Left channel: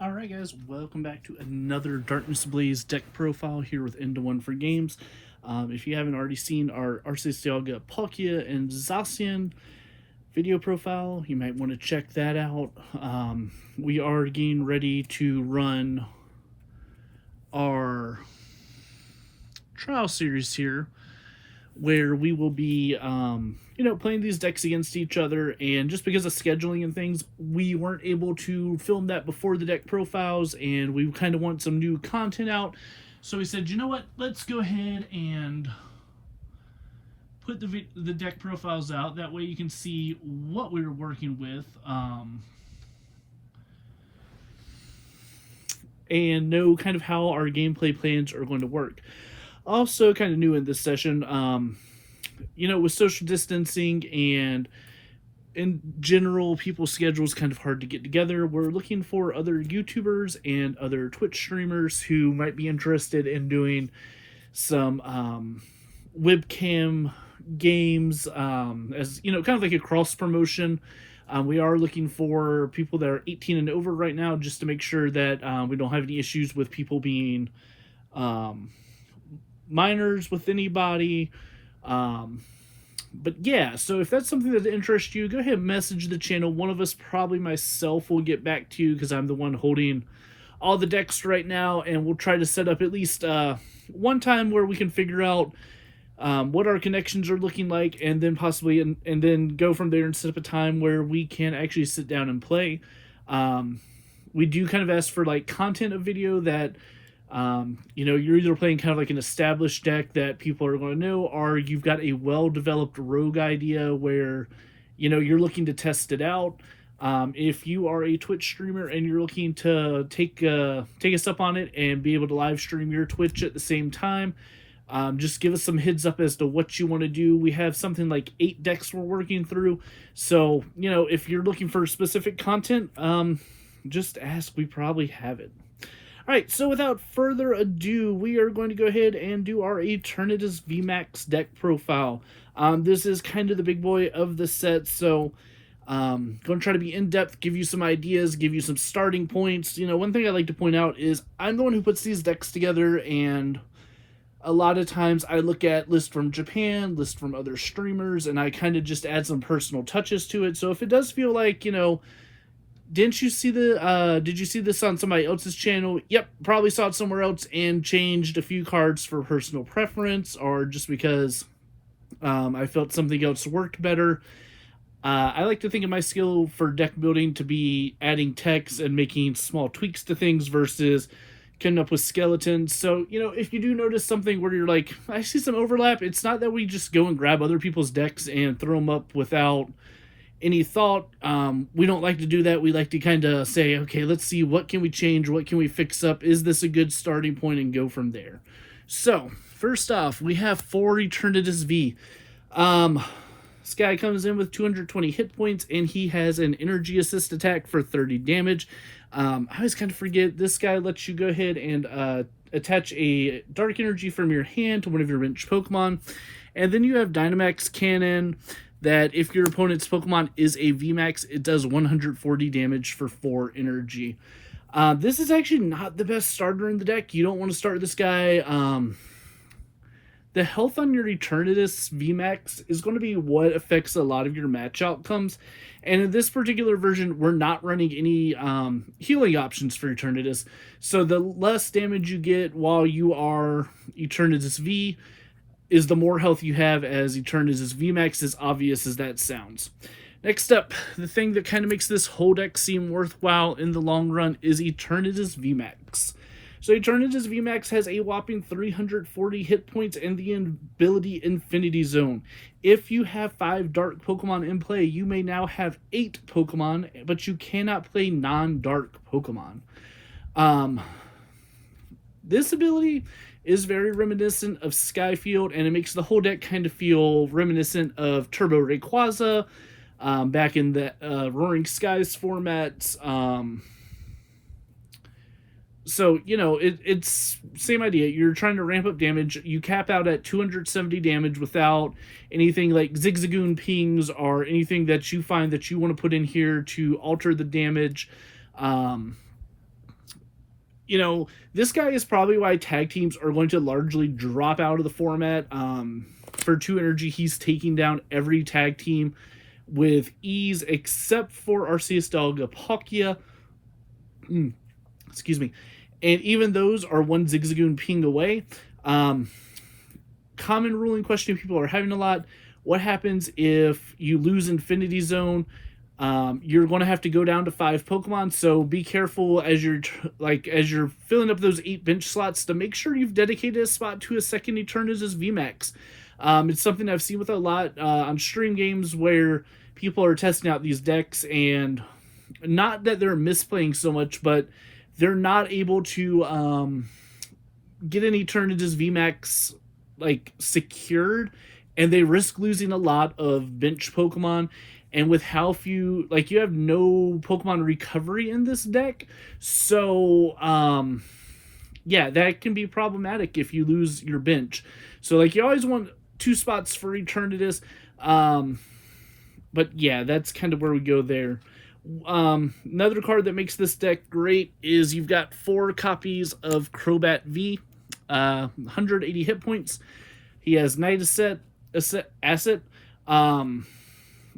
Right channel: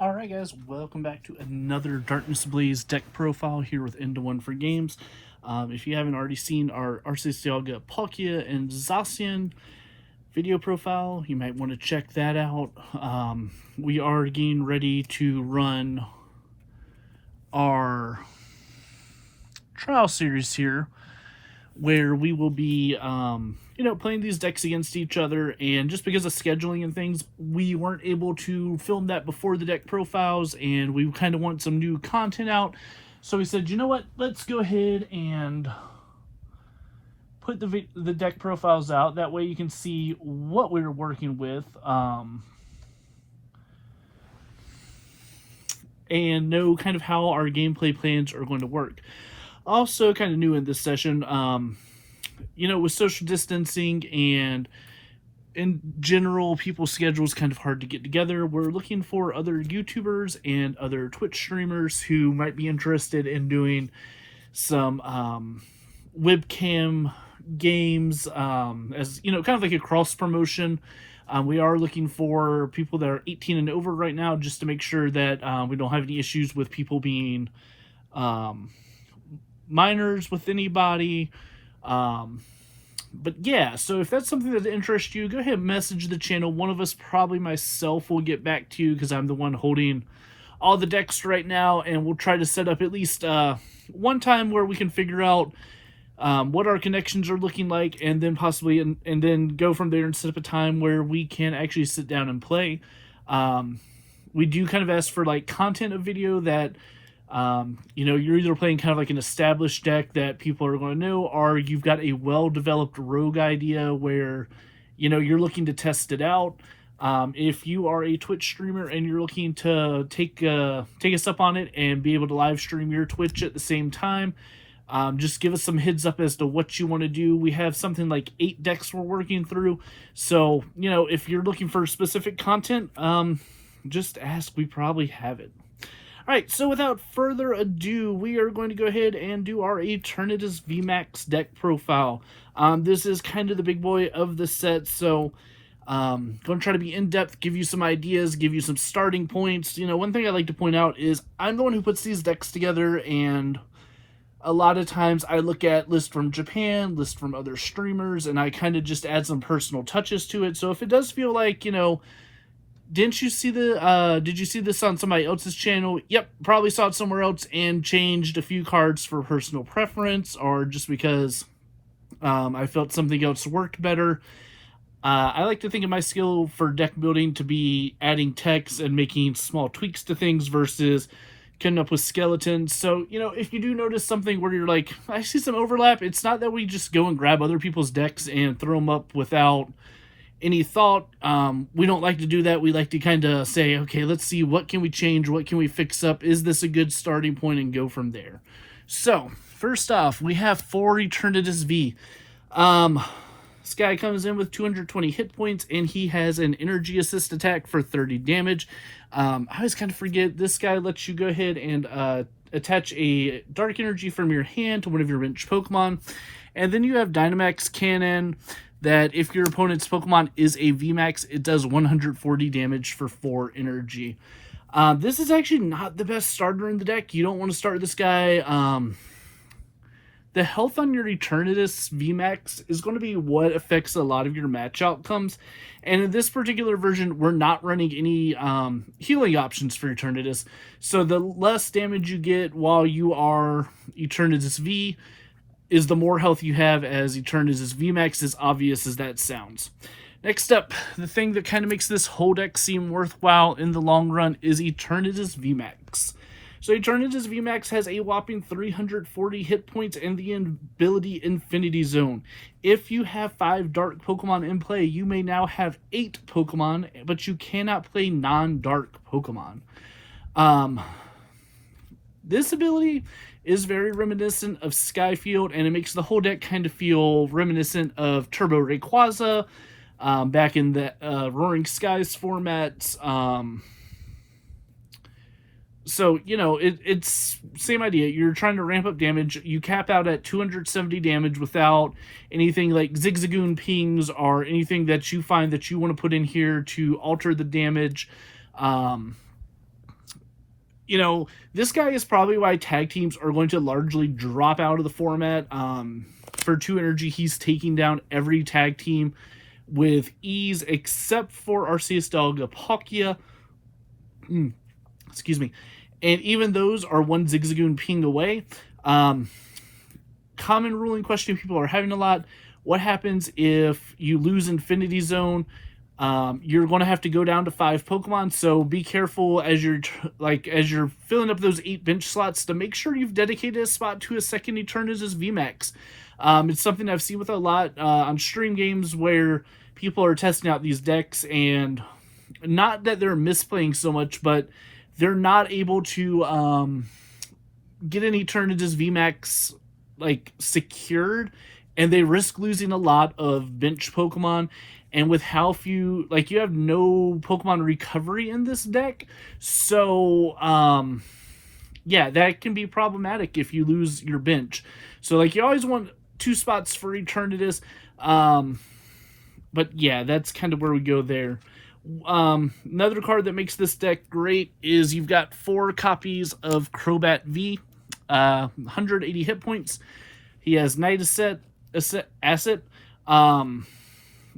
Alright guys, welcome back to another Darkness Ablaze deck profile here with Into One for Games. If you haven't already seen our Arceus Dialga, Palkia, and Zacian video profile, you might want to check that out. We are getting ready to run our trial series here, where we will be, playing these decks against each other, and just because of scheduling and things, we weren't able to film that before the deck profiles, and we kind of want some new content out, so we said, you know what, let's go ahead and put the deck profiles out, that way you can see what we were working with, and know kind of how our gameplay plans are going to work. Also, kind of new in this session, with social distancing and in general, people's schedules kind of hard to get together. We're looking for other YouTubers and other Twitch streamers who might be interested in doing some webcam games, as kind of like a cross promotion. We are looking for people that are 18 and over right now, just to make sure that we don't have any issues with people being minors with anybody. But yeah, so if that's something that interests you, go ahead and message the channel. One of us, probably myself, will get back to you, because I'm the one holding all the decks right now, and we'll try to set up at least one time where we can figure out what our connections are looking like, and then possibly and then go from there and set up a time where we can actually sit down and play. We do kind of ask for like content of video that you're either playing kind of like an established deck that people are going to know, or you've got a well-developed rogue idea where, you're looking to test it out. If you are a Twitch streamer and you're looking to take us up on it and be able to live stream your Twitch at the same time, just give us some heads up as to what you want to do. We have something like 8 decks we're working through. So, if you're looking for specific content, just ask. We probably have it. Alright, so without further ado, we are going to go ahead and do our Eternatus VMax deck profile. This is kind of the big boy of the set, so going to try to be in-depth, give you some ideas, give you some starting points. One thing I like to point out is I'm the one who puts these decks together, and a lot of times I look at lists from Japan, lists from other streamers, and I kind of just add some personal touches to it. So if it does feel like, did you see this on somebody else's channel? Yep, probably saw it somewhere else and changed a few cards for personal preference, or just because I felt something else worked better. I like to think of my skill for deck building to be adding text and making small tweaks to things versus coming up with skeletons. So, if you do notice something where you're like, I see some overlap, it's not that we just go and grab other people's decks and throw them up without any thought. We don't like to do that. We like to kind of say, okay, let's see, what can we change, what can we fix up, is this a good starting point, and go from there. So first off, we have 4 Eternatus V. This guy comes in with 220 hit points, and he has an energy assist attack for 30 damage. I always kind of forget, this guy lets you go ahead and attach a dark energy from your hand to one of your bench Pokemon, and then you have Dynamax Cannon, that if your opponent's Pokemon is a VMax, it does 140 damage for 4 energy. This is actually not the best starter in the deck. You don't want to start this guy. The health on your Eternatus VMax is going to be what affects a lot of your match outcomes. And in this particular version, we're not running any healing options for Eternatus. So the less damage you get while you are Eternatus V is the more health you have as Eternatus VMax, as obvious as that sounds. Next up, the thing that kind of makes this whole deck seem worthwhile in the long run is Eternatus VMax. So Eternatus VMax has a whopping 340 hit points and the ability Infinity Zone. If you have 5 dark Pokemon in play, you may now have 8 Pokemon, but you cannot play non-dark Pokemon. This ability is very reminiscent of Skyfield, and it makes the whole deck kind of feel reminiscent of Turbo Rayquaza back in the Roaring Skies formats. So, it's same idea. You're trying to ramp up damage. You cap out at 270 damage without anything like Zigzagoon pings or anything that you find that you want to put in here to alter the damage. you know, this guy is probably why tag teams are going to largely drop out of the format. For 2 energy, he's taking down every tag team with ease except for Arceus Dog excuse me. And even those are 1 Zigzagoon ping away. Common ruling question people are having a lot. What happens if you lose Infinity Zone? You're going to have to go down to 5 Pokemon, so be careful as you're filling up those 8 bench slots to make sure you've dedicated a spot to a second Eternatus VMax. It's something I've seen with a lot on stream games where people are testing out these decks, and not that they're misplaying so much, but they're not able to get an Eternatus VMax secured, and they risk losing a lot of bench Pokemon. And with how few, you have no Pokemon recovery in this deck, so yeah, that can be problematic if you lose your bench. So you always want 2 spots for Eternatus, but yeah, that's kind of where we go there. Another card that makes this deck great is you've got 4 copies of Crobat V, 180 hit points. He has Night Asset.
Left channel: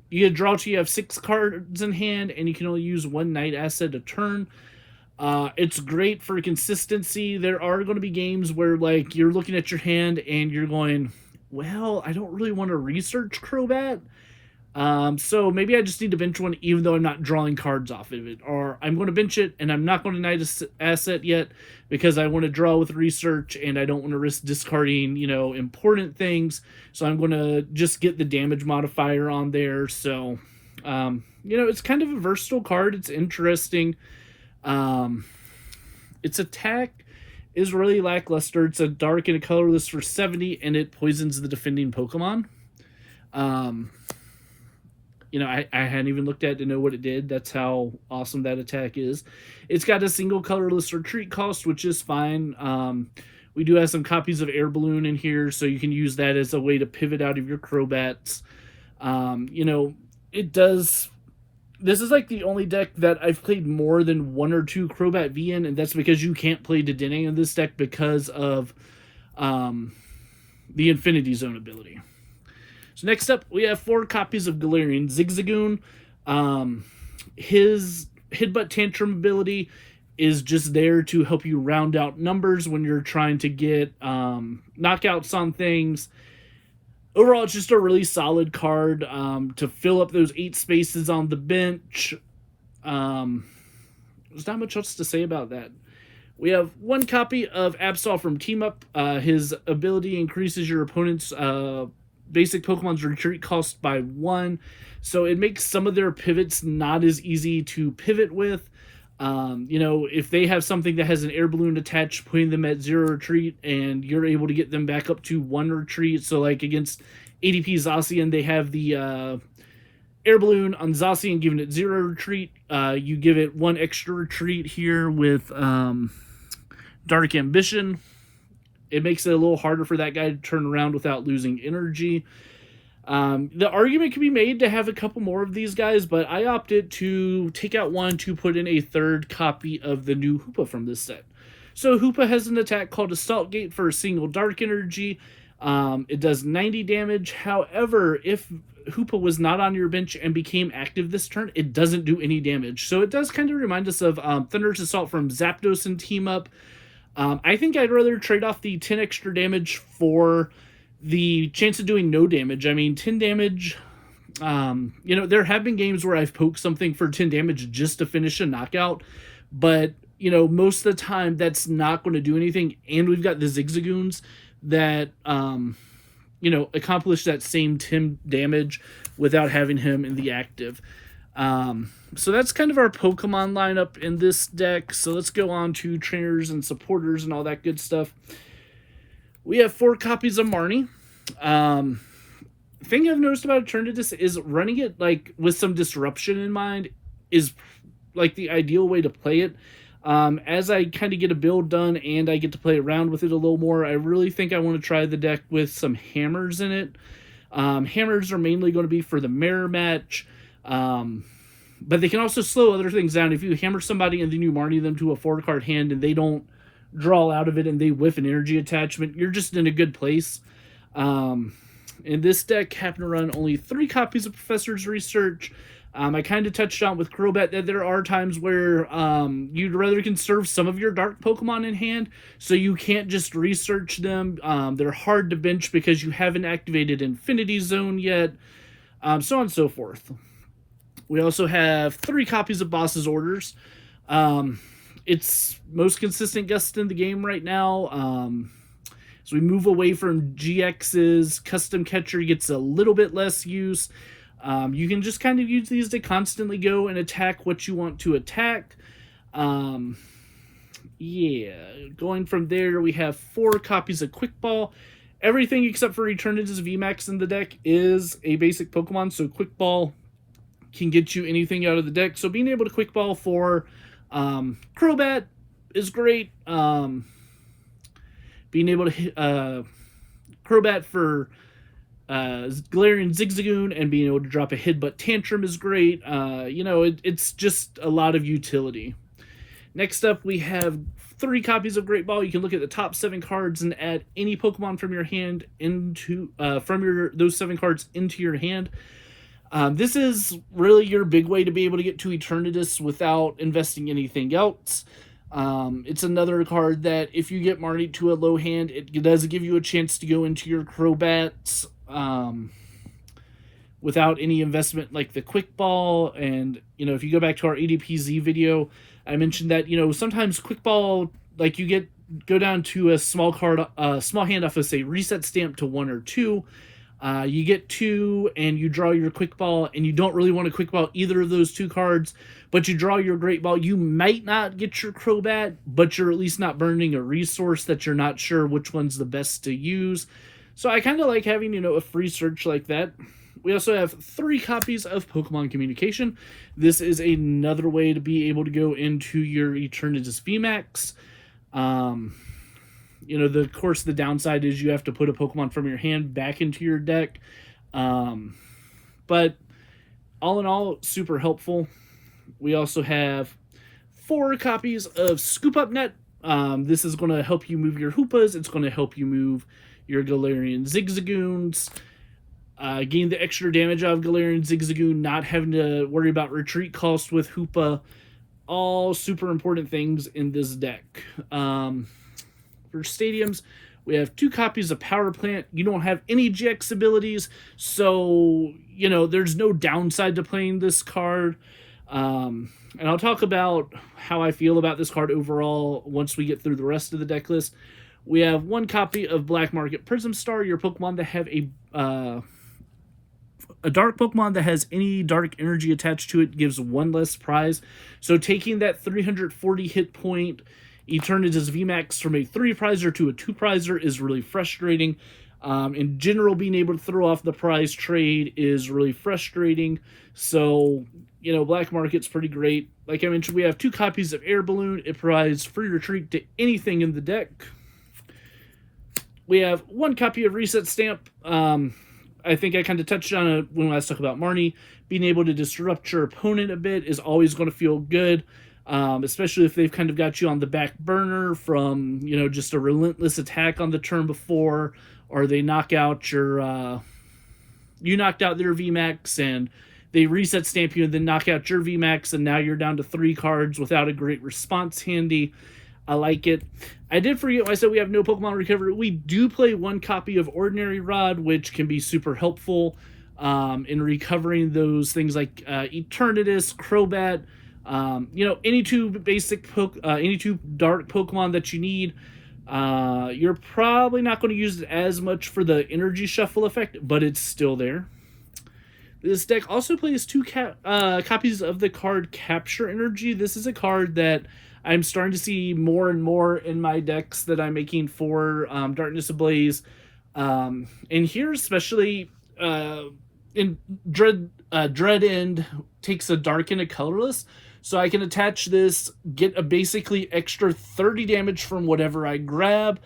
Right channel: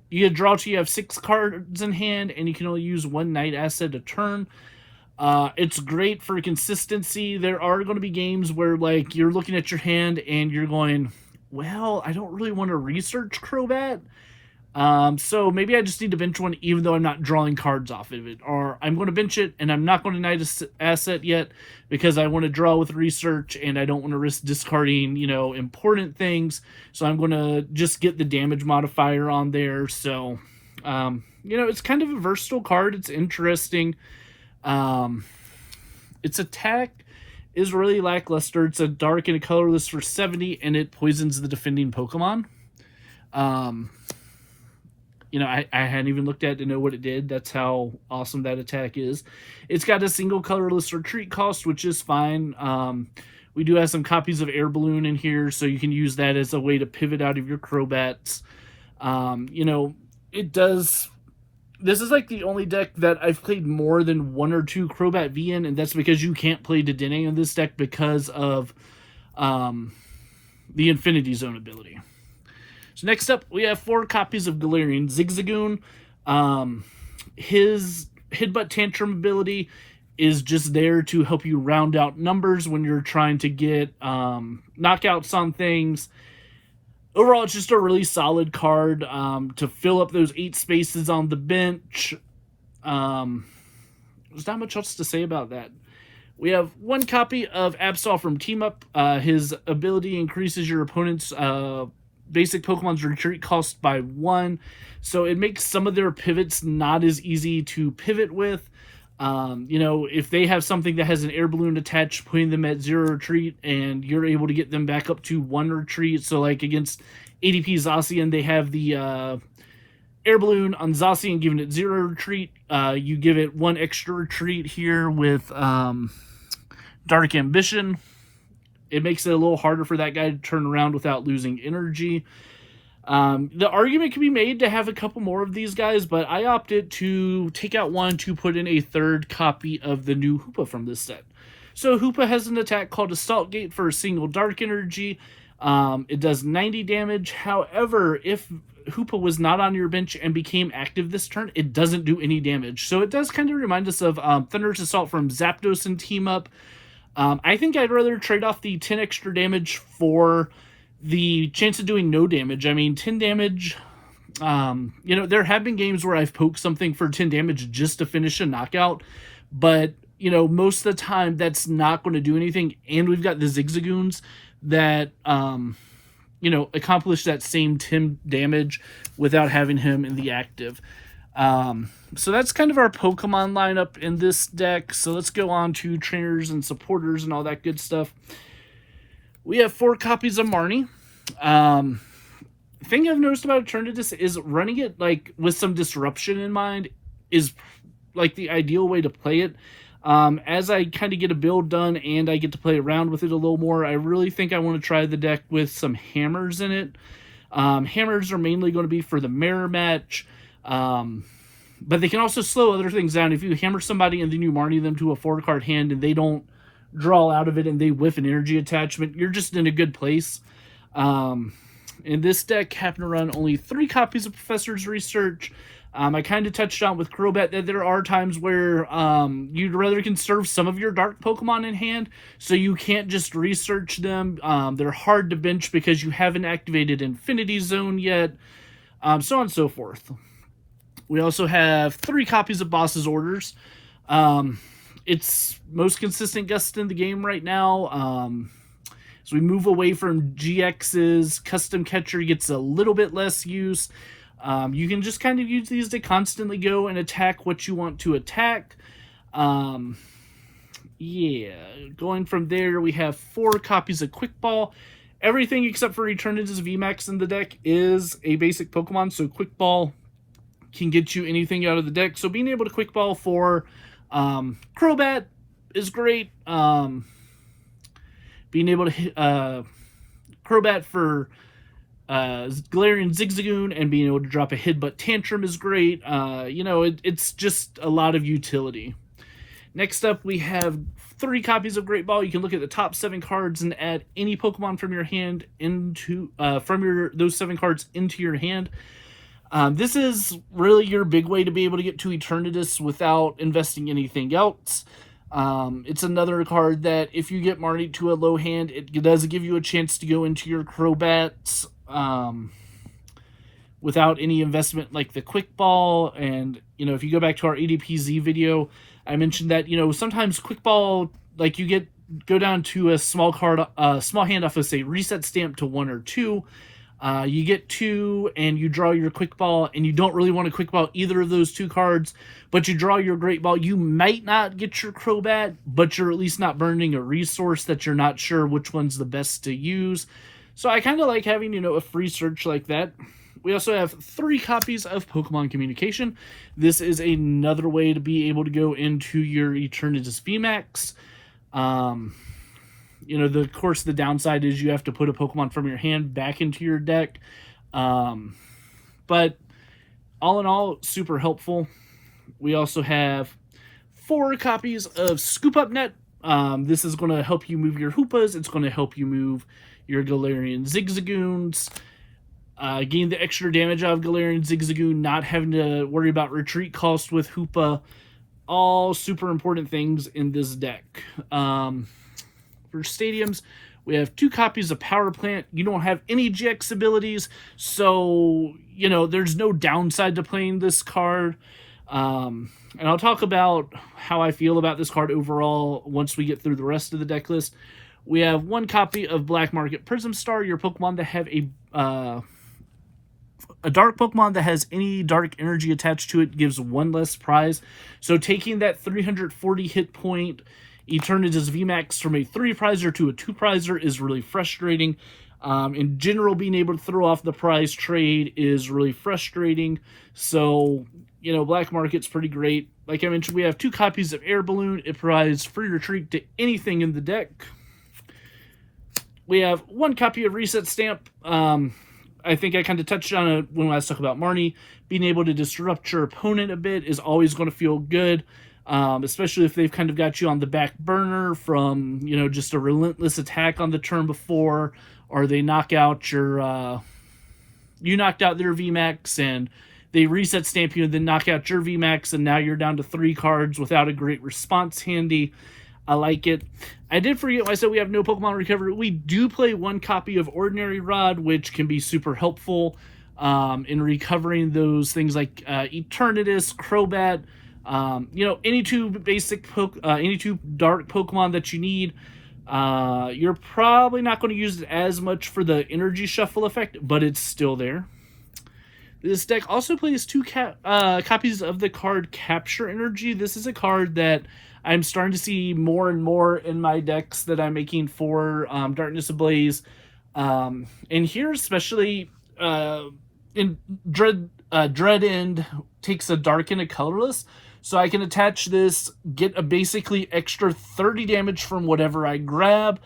You get draw to, you have 6 cards in hand, and you can only use 1 Night Asset a turn. It's great for consistency. There are going to be games where you're looking at your hand and you're going, well, I don't really want to research Crobat. So maybe I just need to bench one even though I'm not drawing cards off of it. Or I'm going to bench it and I'm not going to Night Asset yet because I want to draw with research and I don't want to risk discarding, important things. So I'm going to just get the damage modifier on there. So, it's kind of a versatile card. It's interesting. Its attack is really lackluster. It's a dark and a colorless for 70, and it poisons the defending Pokemon. I hadn't even looked at it to know what it did. That's how awesome that attack is. It's got a single colorless retreat cost, which is fine. We do have some copies of Air Balloon in here, so you can use that as a way to pivot out of your Crobats. It does... This is the only deck that I've played more than 1 or 2 Crobat V in, and that's because you can't play Dedenne in this deck because of the Infinity Zone ability. So next up, we have 4 copies of Galarian Zigzagoon. His Headbutt Tantrum ability is just there to help you round out numbers when you're trying to get knockouts on things. Overall, it's just a really solid card to fill up those 8 spaces on the bench. There's not much else to say about that. We have 1 copy of Absol from Team Up. His ability increases your opponent's basic Pokemon's retreat cost by 1. So it makes some of their pivots not as easy to pivot with. If they have something that has an Air Balloon attached, putting them at 0 retreat, and you're able to get them back up to 1 retreat. So against ADP Zacian, they have the Air Balloon on Zacian giving it 0 retreat. You give it 1 extra retreat here with Dark Ambition. It makes it a little harder for that guy to turn around without losing energy. The argument can be made to have a couple more of these guys, but I opted to take out 1 to put in a 3rd copy of the new Hoopa from this set. So Hoopa has an attack called Assault Gate for a single dark energy. It does 90 damage. However, if Hoopa was not on your bench and became active this turn, it doesn't do any damage. So it does kind of remind us of Thunderous Assault from Zapdos and Team Up. I think I'd rather trade off the 10 extra damage for the chance of doing no damage. I mean, 10 damage, there have been games where I've poked something for 10 damage just to finish a knockout, but, most of the time that's not going to do anything, and we've got the Zigzagoons that, accomplish that same 10 damage without having him in the active. So that's kind of our Pokemon lineup in this deck. So let's go on to trainers and supporters and all that good stuff. We have 4 copies of Marnie. Thing I've noticed about Eternatus is running it with some disruption in mind is the ideal way to play it. As I kind of get a build done and I get to play around with it a little more, I really think I want to try the deck with some hammers in it. Hammers are mainly going to be for the mirror match. But they can also slow other things down. If you hammer somebody and then you Marnie them to a 4-card hand and they don't draw out of it and they whiff an energy attachment, you're just in a good place. In this deck, happen to run only 3 copies of Professor's Research. I kind of touched on with Crobat that there are times where you'd rather conserve some of your dark Pokemon in hand, so you can't just research them. They're hard to bench because you haven't activated Infinity Zone yet, so on and so forth. We also have 3 copies of Boss's Orders. It's most consistent guest in the game right now. As we move away from GX's, Custom Catcher gets a little bit less use. You can just kind of use these to constantly go and attack what you want to attack. Yeah, going from there, we have 4 copies of Quick Ball. Everything except for Eternatus VMax in the deck is a basic Pokemon, so Quick Ball can get you anything out of the deck. So being able to Quick Ball for Crobat is great. Being able to hit Crobat for Galarian Zigzagoon and being able to drop a Headbutt Tantrum is great. It's just a lot of utility. Next up, we have 3 copies of Great Ball. You can look at the top 7 cards and add any Pokemon from your hand into those 7 cards into your hand. This is really your big way to be able to get to Eternatus without investing anything else. It's another card that if you get Marnie to a low hand, it does give you a chance to go into your Crobats without any investment like the Quick Ball. And, if you go back to our ADPZ video, I mentioned that, sometimes Quick Ball, like you go down to a small hand off of, say, Reset Stamp to 1 or 2. You get 2 and you draw your Quick Ball and you don't really want to Quick Ball either of those 2 cards, but you draw your Great Ball. You might not get your Crobat, but you're at least not burning a resource that you're not sure which one's the best to use. So I kind of like having, a free search like that. We also have 3 copies of Pokemon Communication. This is another way to be able to go into your Eternatus VMax. Of course, the downside is you have to put a Pokemon from your hand back into your deck. But all in all, super helpful. We also have 4 copies of Scoop Up Net. This is going to help you move your Hoopas. It's going to help you move your Galarian Zigzagoons. Gain the extra damage out of Galarian Zigzagoon, not having to worry about retreat cost with Hoopa. All super important things in this deck. For stadiums, we have 2 copies of Power Plant. You don't have any GX abilities, so, there's no downside to playing this card. And I'll talk about how I feel about this card overall once we get through the rest of the deck list. We have 1 copy of Black Market Prism Star. Your Pokemon that have a dark Pokemon that has any dark energy attached to it gives 1 less prize. So taking that 340 hit point Eternatus VMax from a 3-prizer to a 2-prizer is really frustrating. In general, being able to throw off the prize trade is really frustrating. So, Black Market's pretty great. Like I mentioned, we have 2 copies of Air Balloon. It provides free retreat to anything in the deck. We have 1 copy of Reset Stamp. I think I kind of touched on it when I talked about Marnie. Being able to disrupt your opponent a bit is always going to feel good. Especially if they've kind of got you on the back burner from, just a relentless attack on the turn before, or they knock out you knocked out their VMAX and they reset stamp you and then knock out your VMAX, and now you're down to 3 cards without a great response handy. I like it. I did forget, I said we have no Pokemon Recovery. We do play 1 copy of Ordinary Rod, which can be super helpful in recovering those things like Eternatus, Crobat, any 2 any 2 dark Pokemon that you need. You're probably not going to use it as much for the energy shuffle effect, but it's still there. This deck also plays 2 copies of the card Capture Energy. This is a card that I'm starting to see more and more in my decks that I'm making for Darkness Ablaze. And here especially in Dread End takes a dark and a colorless. So I can attach this, get a basically extra 30 damage from whatever I grab,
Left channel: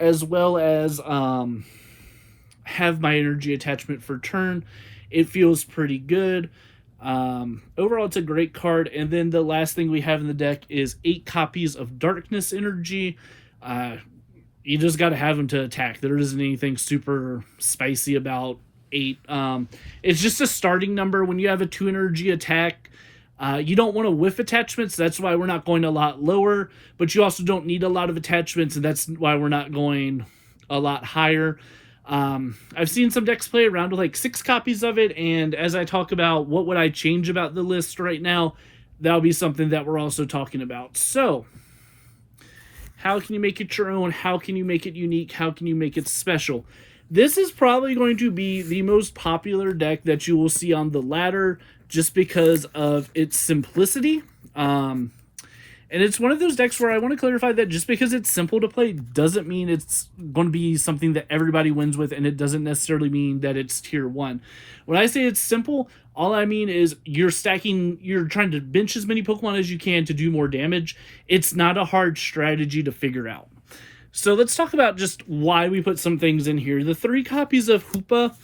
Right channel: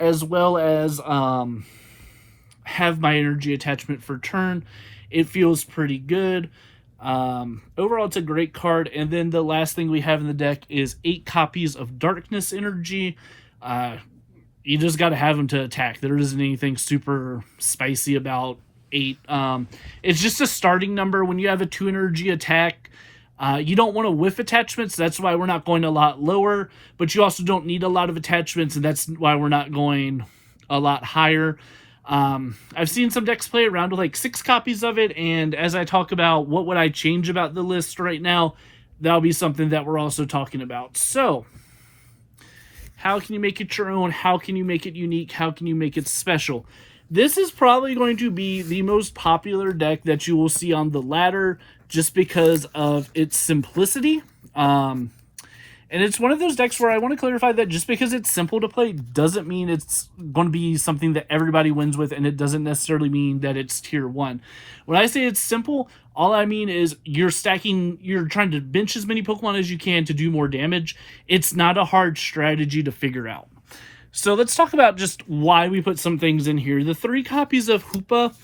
as well as have my energy attachment for turn. It feels pretty good. Overall, it's a great card. And then the last thing we have in the deck is 8 copies of Darkness Energy. You just got to have them to attack. There isn't anything super spicy about 8. It's just a starting number. When you have a 2 energy attack, you don't want to whiff attachments. That's why we're not going a lot lower. But you also don't need a lot of attachments, and that's why we're not going a lot higher. I've seen some decks play around with like 6 copies of it, and as I talk about what would I change about the list right now, that'll be something that we're also talking about. So, how can you make it your own? How can you make it unique? How can you make it special? This is probably going to be the most popular deck that you will see on the ladder just because of its simplicity. And it's one of those decks where I want to clarify that just because it's simple to play doesn't mean it's going to be something that everybody wins with, and it doesn't necessarily mean that it's tier 1. When I say it's simple, all I mean is you're trying to bench as many Pokemon as you can to do more damage. It's not a hard strategy to figure out. So let's talk about just why we put some things in here. The 3 copies of Hoopa,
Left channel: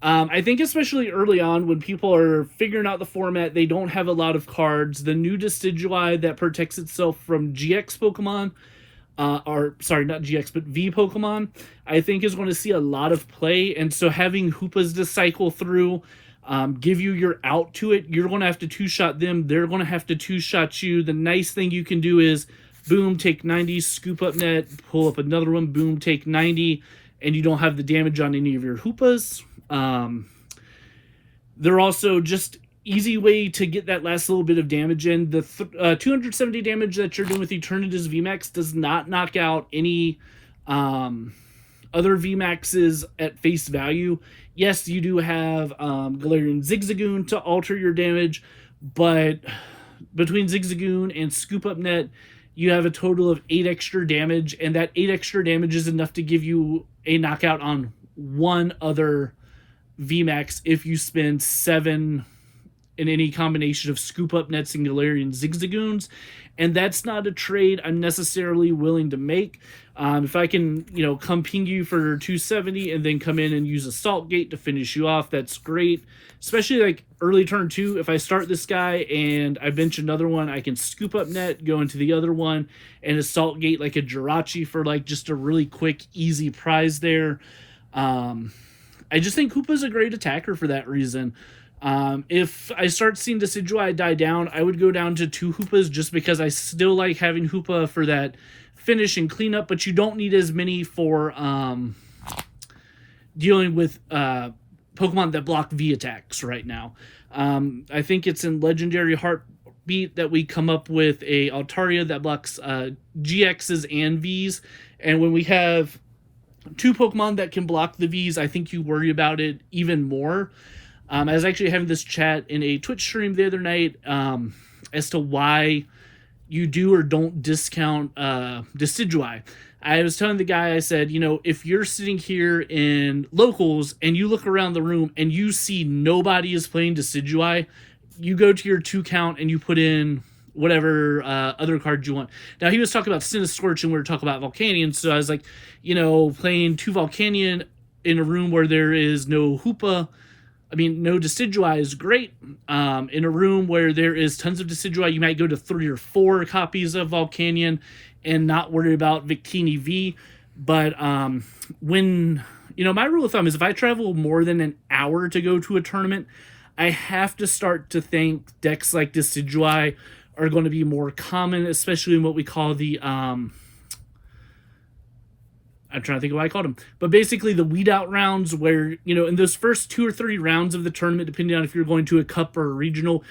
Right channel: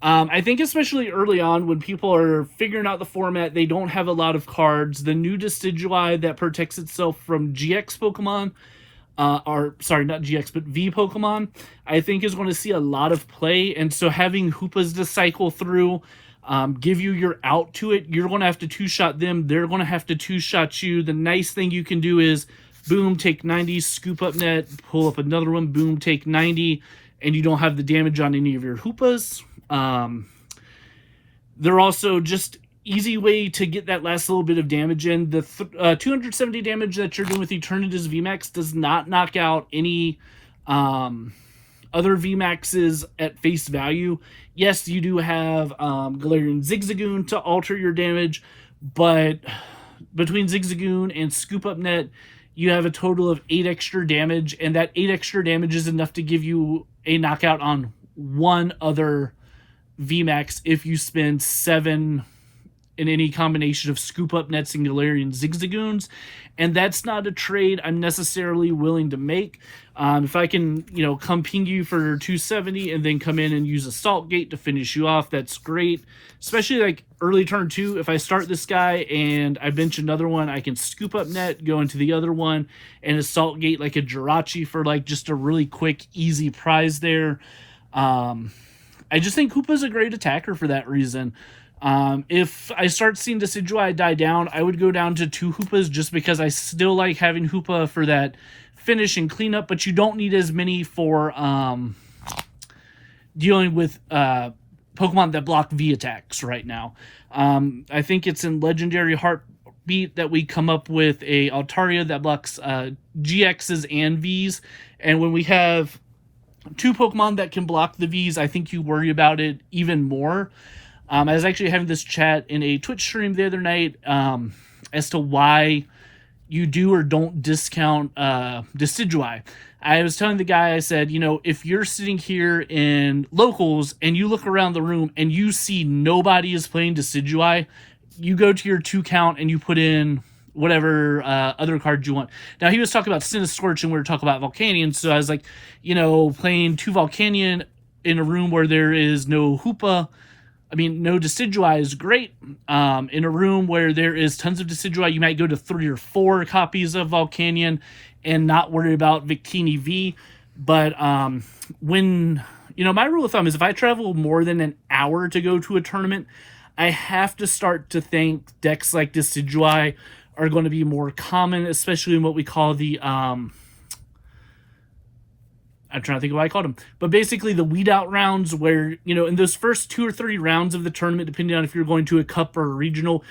I think especially early on when people are figuring out the format, they don't have a lot of cards. The new Decidueye that protects itself from GX Pokemon, sorry, not GX, but V Pokemon, I think is going to see a lot of play. And so having Hoopas to cycle through, give you your out to it, you're going to have to 2-shot them. They're going to have to 2-shot you. The nice thing you can do is, boom, take 90, scoop up net, pull up another one, boom, take 90, and you don't have the damage on any of your Hoopas. They're also just easy way to get that last little bit of damage in. The 270 damage that you're doing with Eternatus VMax does not knock out any other VMAXs at face value. Yes, you do have Galarian Zigzagoon to alter your damage, but between Zigzagoon and Scoop Up Net, you have a total of 8 extra damage, and that 8 extra damage is enough to give you a knockout on one other VMAX if you spend 7 in any combination of Scoop Up Nets and Galarian Zigzagoons, and that's not a trade I'm necessarily willing to make. If I can, come ping you for 270 and then come in and use Assault Gate to finish you off, that's great. Especially like early turn 2, if I start this guy and I bench another one, I can Scoop Up Net, go into the other one, and Assault Gate like a Jirachi for like just a really quick, easy prize there. I just think Hoopa's a great attacker for that reason. If I start seeing Decidueye die down, I would go down to 2 Hoopas just because I still like having Hoopa for that finish and cleanup, but you don't need as many for dealing with Pokemon that block V attacks right now. I think it's in Legendary Heartbeat that we come up with a Altaria that blocks GXs and Vs, and when we have 2 Pokemon that can block the Vs, I think you worry about it even more. I was actually having this chat in a Twitch stream the other night as to why you do or don't discount Decidueye. I was telling the guy, I said, if you're sitting here in locals and you look around the room and you see nobody is playing Decidueye, you go to your 2 count and you put in whatever other cards you want. Now, he was talking about Cinescorch and we were talking about Volcanion, so I was like, playing 2 Volcanion in a room where there is no Hoopa, no Decidueye is great. In a room where there is tons of Decidueye, you might go to 3 or 4 copies of Volcanion and not worry about Victini V. But when, my rule of thumb is if I travel more than an hour to go to a tournament, I have to start to think decks like Decidueye are going to be more common, especially in what we call the, I'm trying to think of what I called them, but basically the weed out rounds where, in those first 2 or 3 rounds of the tournament, depending on if you're going to a cup or a regional,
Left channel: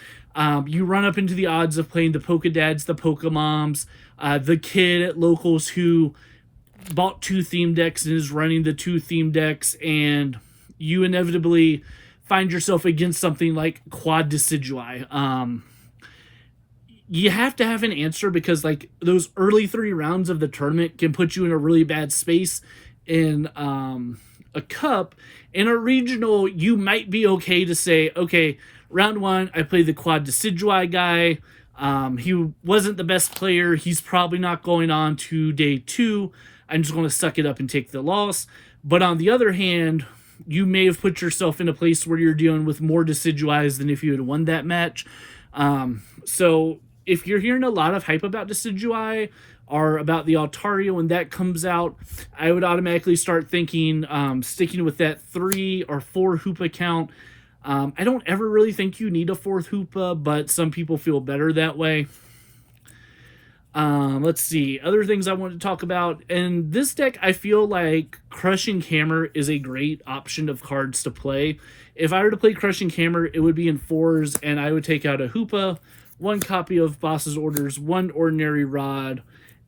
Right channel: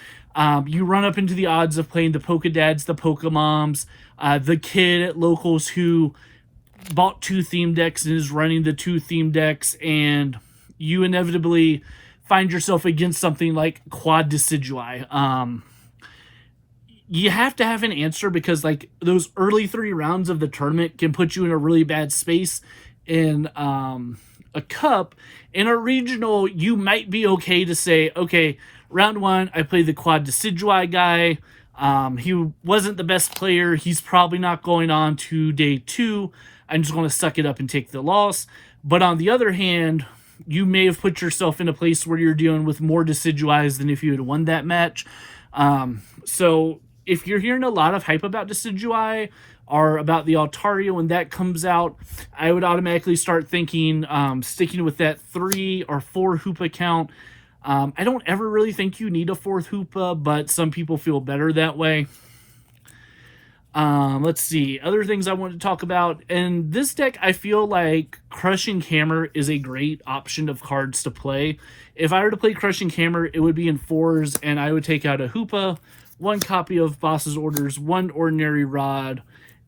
you run up into the odds of playing the Pokedads, the Pokemoms, the kid at locals who bought 2 theme decks and is running the 2 theme decks, and you inevitably find yourself against something like Quad Decidueye. You have to have an answer because those early 3 rounds of the tournament can put you in a really bad space. In a cup, in a regional, you might be okay to say, okay, round 1, I played the Quad Decidueye guy. He wasn't the best player. He's probably not going on to day 2. I'm just going to suck it up and take the loss. But on the other hand, you may have put yourself in a place where you're dealing with more Decidueyes than if you had won that match. So if you're hearing a lot of hype about Decidueye or about the Altaria when that comes out, I would automatically start thinking sticking with that 3 or 4 Hoopa count. I don't ever really think you need a 4th Hoopa, but some people feel better that way. Let's see. Other things I want to talk about. In this deck, I feel like Crushing Hammer is a great option of cards to play. If I were to play Crushing Hammer, it would be in 4s, and I would take out a Hoopa, 1 copy of Boss's Orders, 1 Ordinary Rod,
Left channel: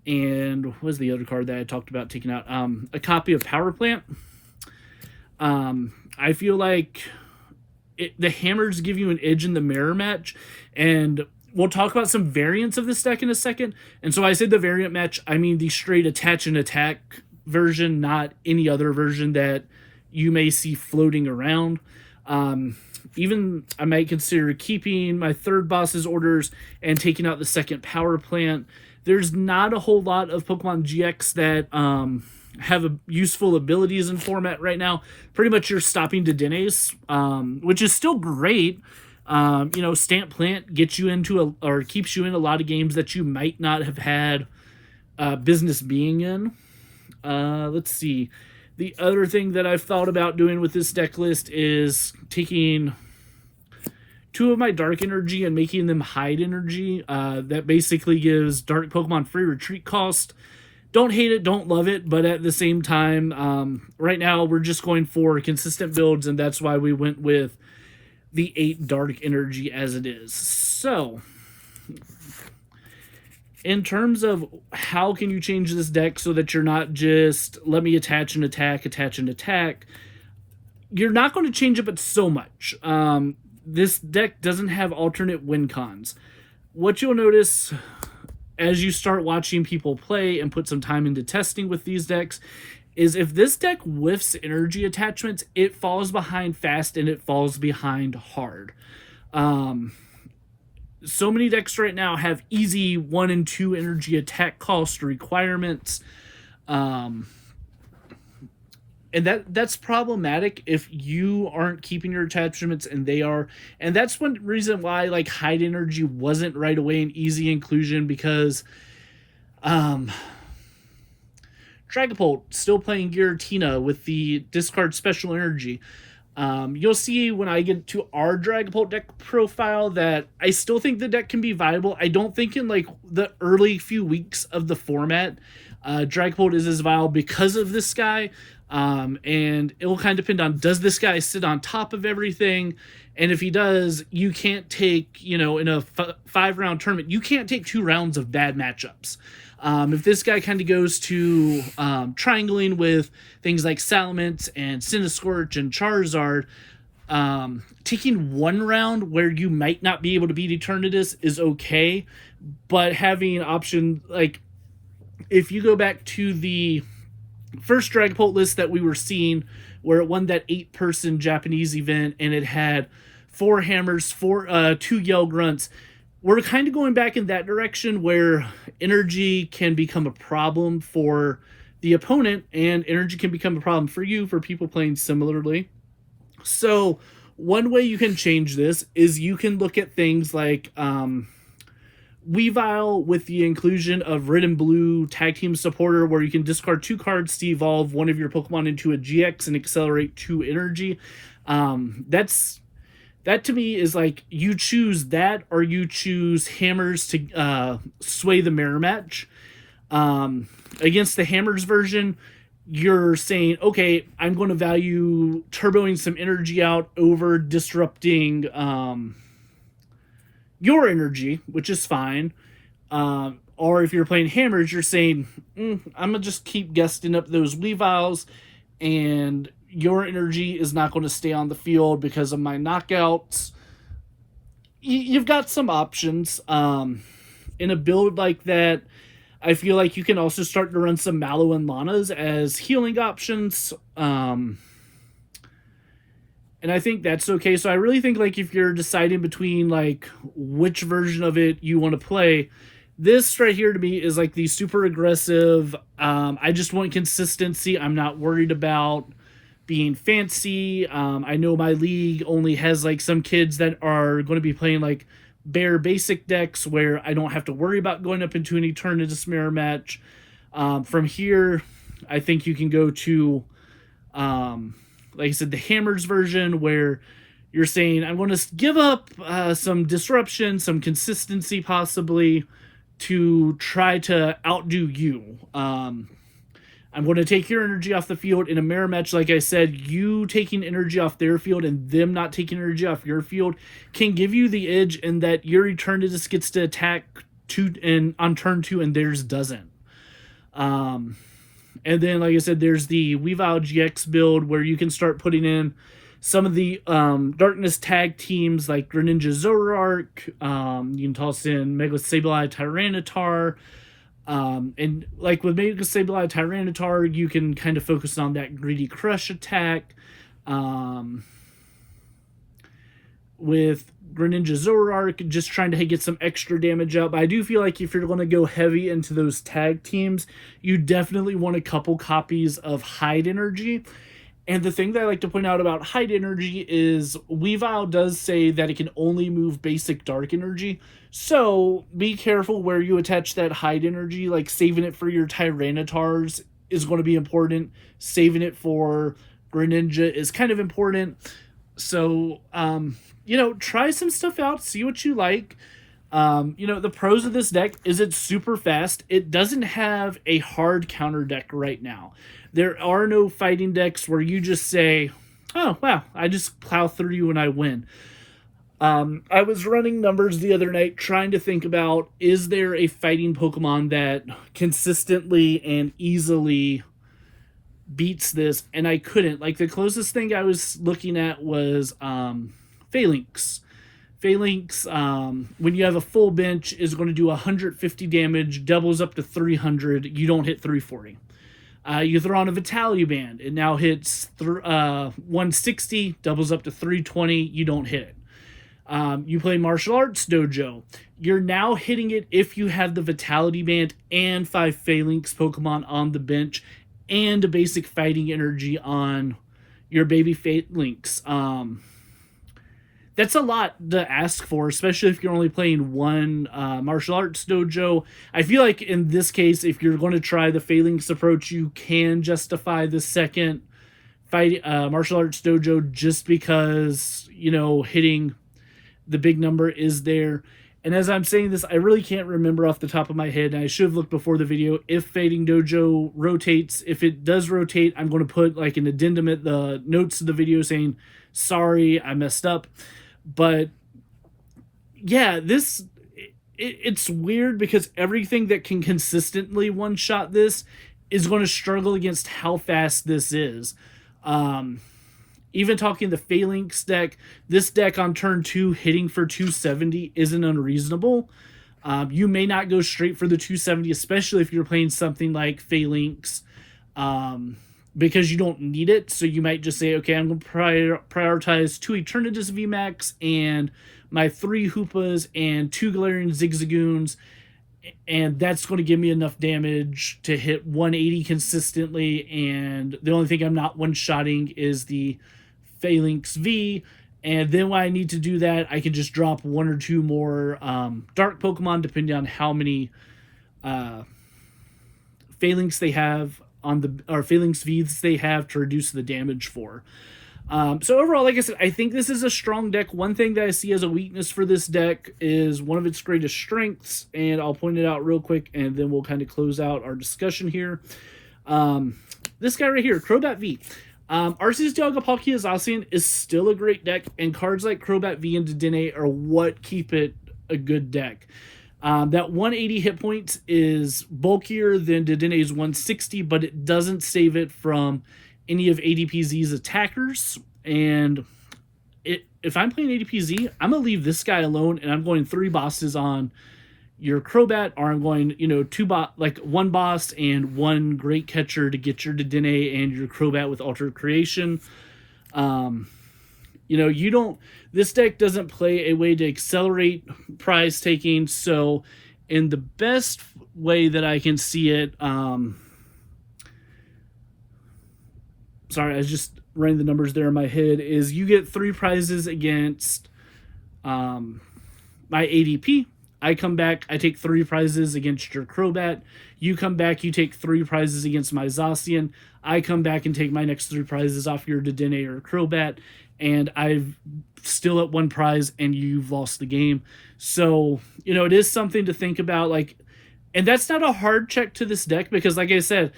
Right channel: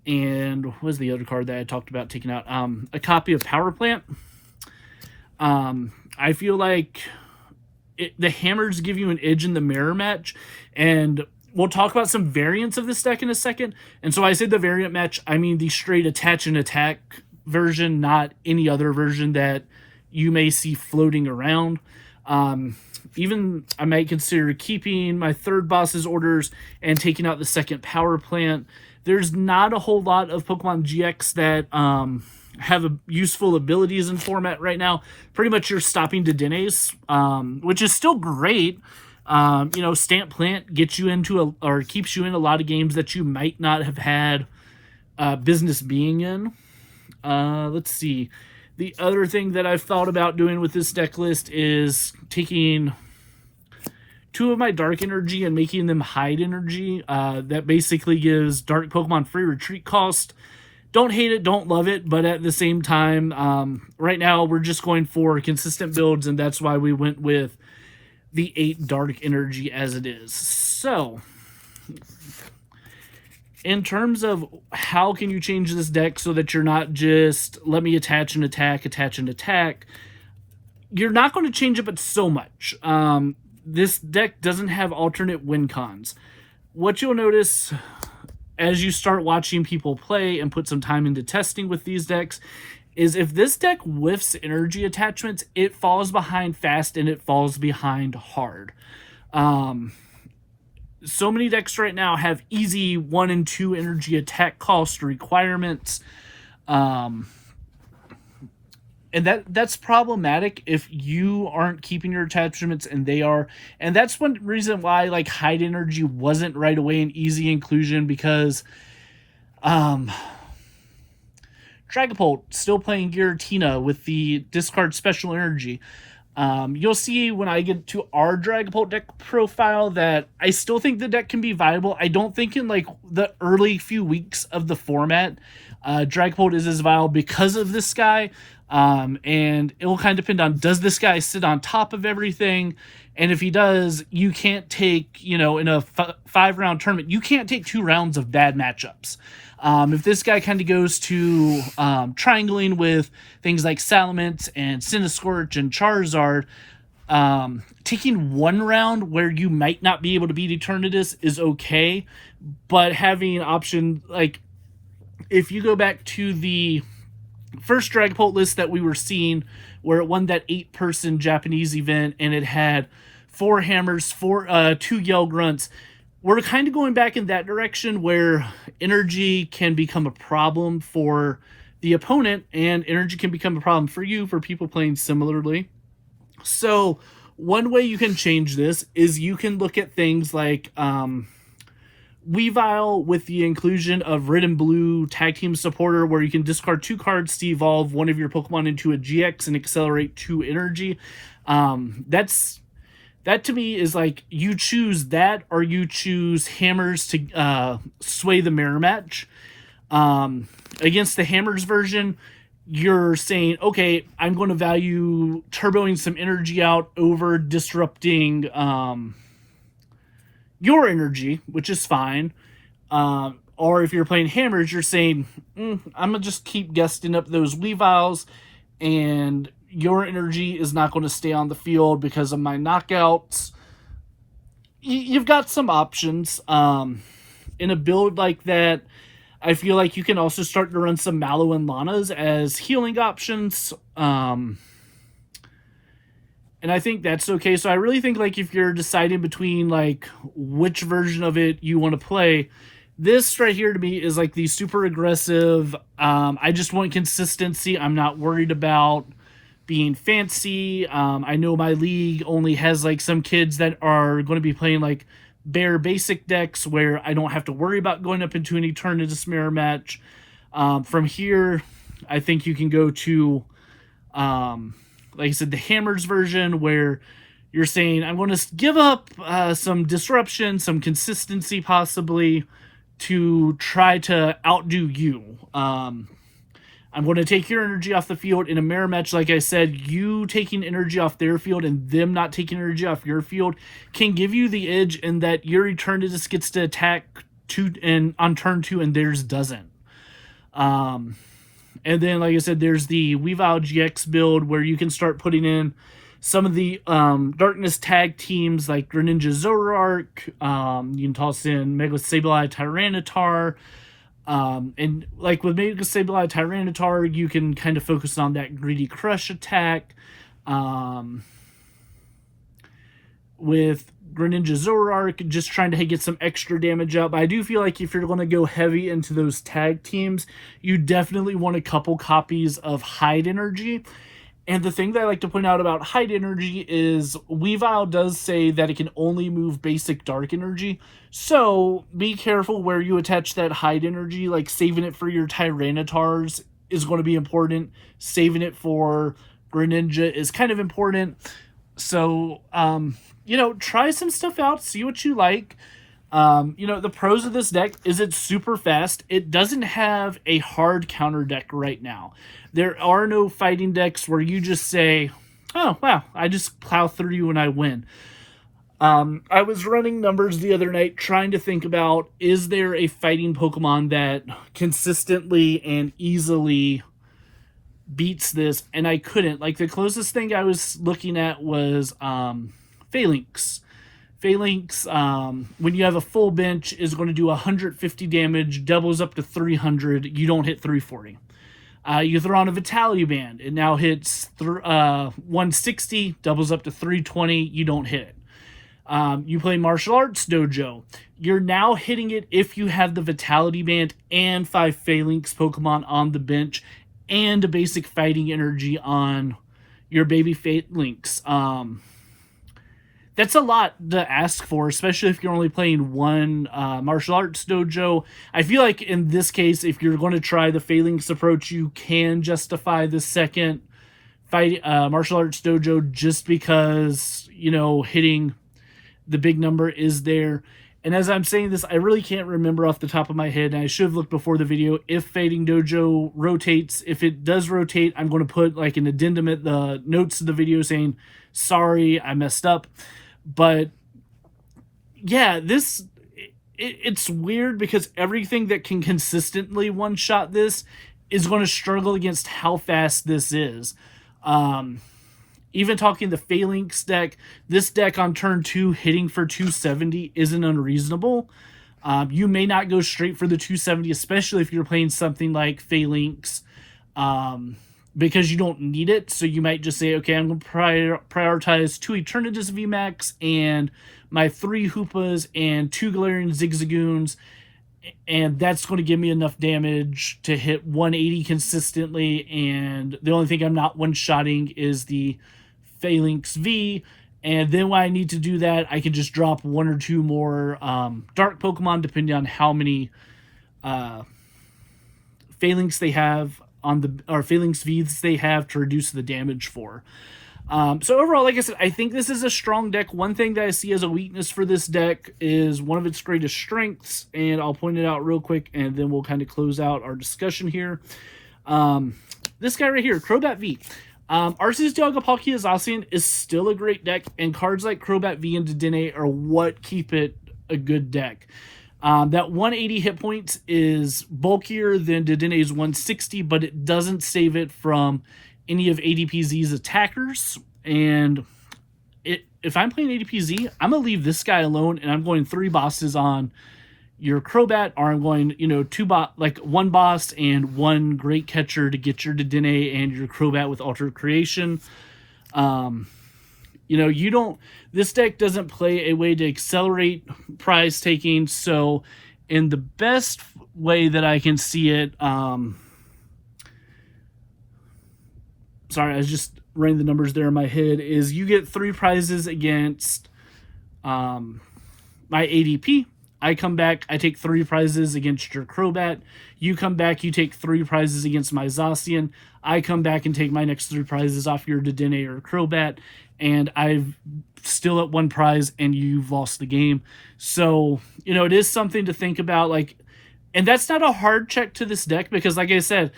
and what was the other card that I talked about taking out? A copy of Power Plant. I feel like the hammers give you an edge in the mirror match, and we'll talk about some variants of this deck in a second. And so I said the variant match, I mean the straight attach and attack version, not any other version that you may see floating around. Even I might consider keeping my 3rd Boss's Orders and taking out the 2nd Power Plant. There's not a whole lot of Pokemon GX that have useful abilities in format right now. Pretty much you're stopping Dedennes, which is still great. Stamp Plant gets you into or keeps you in a lot of games that you might not have had business being in. Let's see. The other thing that I've thought about doing with this deck list is taking 2 of my Dark Energy and making them Hide Energy. That basically gives Dark Pokemon free retreat cost. Don't hate it, don't love it, but at the same time, right now we're just going for consistent builds, and that's why we went with the 8 Dark Energy as it is. So, in terms of how can you change this deck so that you're not just let me attach and attack, you're not going to change it but so much. This deck doesn't have alternate win cons. What you'll notice as you start watching people play and put some time into testing with these decks is if this deck whiffs energy attachments, it falls behind fast and it falls behind hard. So many decks right now have easy 1 and 2 energy attack cost requirements. And that's problematic if you aren't keeping your attachments and they are. And that's one reason why like Hide Energy wasn't right away an easy inclusion, because Dragapult still playing Giratina with the discard special energy. You'll see when I get to our Dragapult deck profile that I still think the deck can be viable. I don't think in like the early few weeks of the format, Dragapult is as viable because of this guy. And it will kind of depend on, does this guy sit on top of everything? And if he does, you can't take, in a 5-round tournament, you can't take 2 rounds of bad matchups. If this guy kind of goes to triangling with things like Salamence and Cinescorch and Charizard, taking 1 round where you might not be able to beat Eternatus is okay, but having an option, like if you go back to the first Dragapult list that we were seeing where it won that 8-person Japanese event and it had 4 hammers, 2 yell grunts, we're kind of going back in that direction where energy can become a problem for the opponent and energy can become a problem for you, for people playing similarly. So one way you can change this is you can look at things like Weavile with the inclusion of Red and Blue Tag Team Supporter, where you can discard 2 cards to evolve one of your Pokemon into a GX and accelerate 2 energy. That to me is like you choose that or you choose hammers to sway the mirror match. Against the hammers version, you're saying, okay, I'm going to value turboing some energy out over disrupting your energy, which is fine. Or if you're playing hammers, you're saying, I'm going to just keep guesting up those Weaviles, and your energy is not going to stay on the field because of my knockouts. You've got some options. In a build like that, I feel like you can also start to run some Mallow and Lanas as healing options. And I think that's okay. So I really think like if you're deciding between like which version of it you want to play, this right here to me is like the super aggressive. I just want consistency. I'm not worried about being fancy. I know my league only has like some kids that are going to be playing like bare basic decks where I don't have to worry about going up into an Eternatus mirror match. From here, I think you can go to, like I said, the Hammers version where you're saying, I'm going to give up some disruption, some consistency possibly to try to outdo you. I'm going to take your energy off the field in a mirror match. Like I said, you taking energy off their field and them not taking energy off your field can give you the edge in that your Eternatus gets to attack on turn 2 and theirs doesn't. And then, like I said, there's the Weavile GX build where you can start putting in some of the Darkness tag teams like Greninja Zoroark. You can toss in Mega Sableye Tyranitar. And like with Mega Sableye Tyranitar, you can kind of focus on that Greedy Crush attack. With Greninja Zoroark, just trying to get some extra damage out. But I do feel like if you're going to go heavy into those tag teams, you definitely want a couple copies of Hide Energy. And the thing that I like to point out about Hide Energy is Weavile does say that it can only move basic Dark Energy. So be careful where you attach that Hide Energy. Like saving it for your Tyranitars is going to be important. Saving it for Greninja is kind of important. So, you know, try some stuff out. See what you like. You know, the pros of this deck is it's super fast. It doesn't have a hard counter deck right now. There are no fighting decks where you just say, oh, wow, I just plow through you and I win. I was running numbers the other night trying to think about, is there a fighting Pokemon that consistently and easily beats this? And I couldn't. Like, the closest thing I was looking at was Phalanx. Phalanx, when you have a full bench, is going to do 150 damage, doubles up to 300. You don't hit 340. You throw on a Vitality Band. It now hits 160, doubles up to 320. You don't hit. You play Martial Arts Dojo. You're now hitting it if you have the Vitality Band and 5 Phalanx Pokemon on the bench and a basic Fighting Energy on your baby Phalanx. That's a lot to ask for, especially if you're only playing one Martial Arts Dojo. I feel like in this case, if you're going to try the Phalanx approach, you can justify the second Martial Arts Dojo just because, you know, hitting the big number is there. And as I'm saying this, I really can't remember off the top of my head, and I should have looked before the video, if Fading Dojo rotates. If it does rotate, I'm going to put like an addendum at the notes of the video saying, sorry, I messed up. But yeah, it's weird because everything that can consistently one-shot this is going to struggle against how fast this is. Even talking the Phalanx deck, this deck on turn 2 hitting for 270 isn't unreasonable. You may not go straight for the 270, especially if you're playing something like Phalanx, because you don't need it. So you might just say, okay, I'm going to prioritize 2 Eternatus VMax and my 3 Hoopas and 2 Galarian Zigzagoons, and that's going to give me enough damage to hit 180 consistently. And the only thing I'm not one-shotting is the Phalanx V. And then when I need to do that, I can just drop 1 or 2 more Dark Pokemon, depending on how many Phalanx they have on the, or Phalanx Vs they have to reduce the damage for. So overall, like I said, I think this is a strong deck. One thing that I see as a weakness for this deck is one of its greatest strengths, and I'll point it out real quick, and then we'll kind of close out our discussion here. This guy right here, Crobat V. Arceus Dialga Palkia Zacian is still a great deck, and cards like Crobat V and Dedenne are what keep it a good deck. That 180 hit points is bulkier than Dedenne's 160, but it doesn't save it from any of ADPZ's attackers. And if I'm playing ADPZ, I'm going to leave this guy alone, and I'm going 3 bosses on your Crobat, or I'm going, you know, 1 boss and 1 great catcher to get your Dedenne and your Crobat with Altered Creation. You know, this deck doesn't play a way to accelerate prize taking, so in the best way that I can see it, sorry, I was just running the numbers there in my head, is you get 3 prizes against my ADP. I come back, I take 3 prizes against your Crobat. You come back, you take 3 prizes against my Zacian. I come back and take my next 3 prizes off your Dedenne or Crobat. And I've still at 1 prize, and you've lost the game. So, you know, it is something to think about. Like, and that's not a hard check to this deck, because, like I said,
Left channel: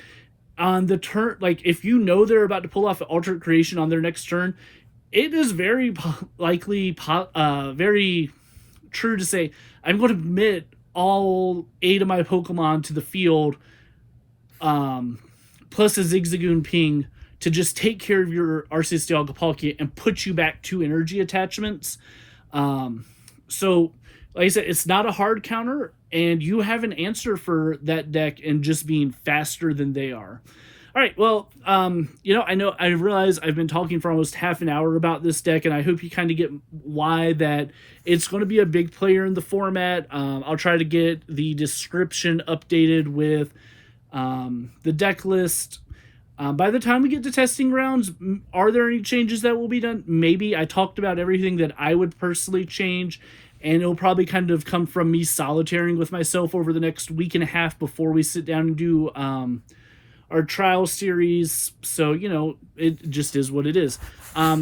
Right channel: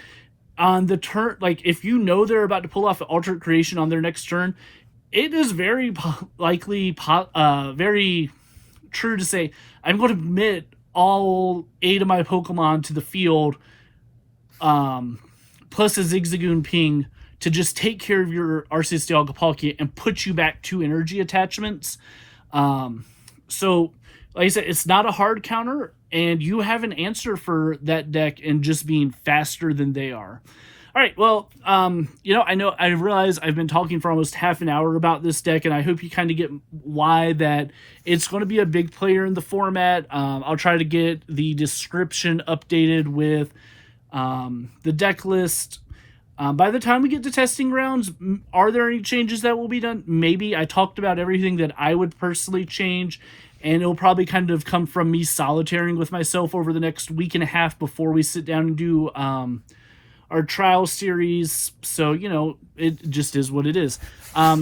on the turn, like, if you know they're about to pull off an alternate creation on their next turn, it is very likely, very true to say, I'm going to commit all 8 of my Pokemon to the field, plus a Zigzagoon Ping, to just take care of your Arceus Dialga Palkia and put you back 2 energy attachments. So, like I said, it's not a hard counter, and you have an answer for that deck and just being faster than they are. All right, well, you know, I realize I've been talking for almost half an hour about this deck, and I hope you kind of get why that it's going to be a big player in the format. I'll try to get the description updated with the deck list. By the time we get to testing grounds, are there any changes that will be done? Maybe. I talked about everything that I would personally change, and it'll probably kind of come from me solitaring with myself over the next week and a half before we sit down and do our trial series. So, you know, it just is what it is.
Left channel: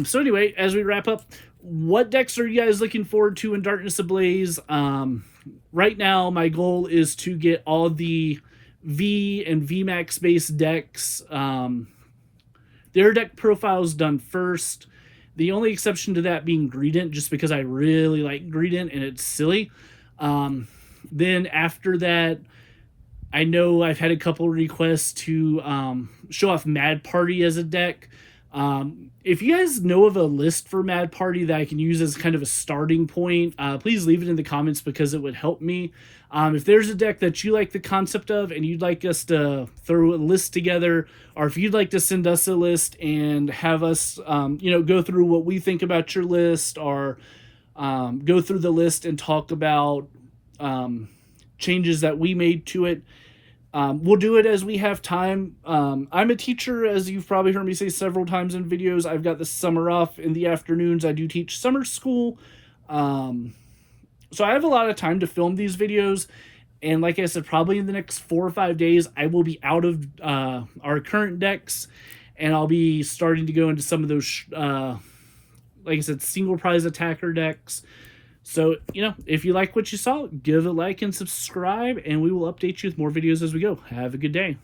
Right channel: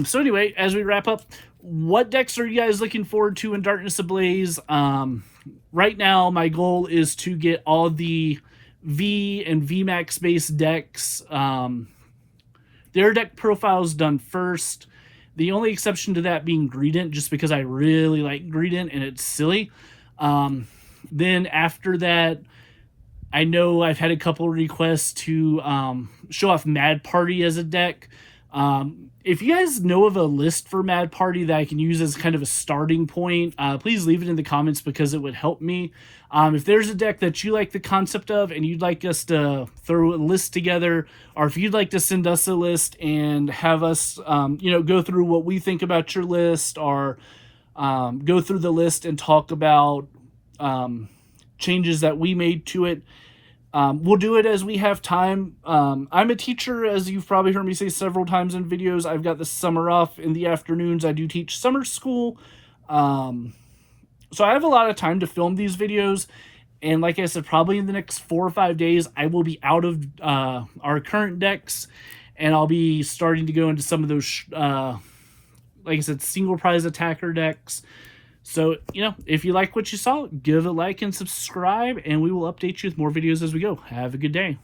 So anyway, as we wrap up, what decks are you guys looking forward to in Darkness Ablaze? Right now, my goal is to get all the V and VMax based decks, their deck profiles done first. The only exception to that being Greedent, just because I really like Greedent and it's silly. Then after that, I know I've had a couple requests to show off Mad Party as a deck. If you guys know of a list for Mad Party that I can use as kind of a starting point, please leave it in the comments, because it would help me. If there's a deck that you like the concept of and you'd like us to throw a list together, or if you'd like to send us a list and have us, you know, go through what we think about your list, or go through the list and talk about changes that we made to it, we'll do it as we have time. I'm a teacher, as you've probably heard me say several times in videos. I've got the summer off in the afternoons. I do teach summer school. So I have a lot of time to film these videos. And like I said, probably in the next 4 or 5 days, I will be out of our current decks. And I'll be starting to go into some of those, like I said, single prize attacker decks. So, you know, if you like what you saw, give a like and subscribe, and we will update you with more videos as we go. Have a good day.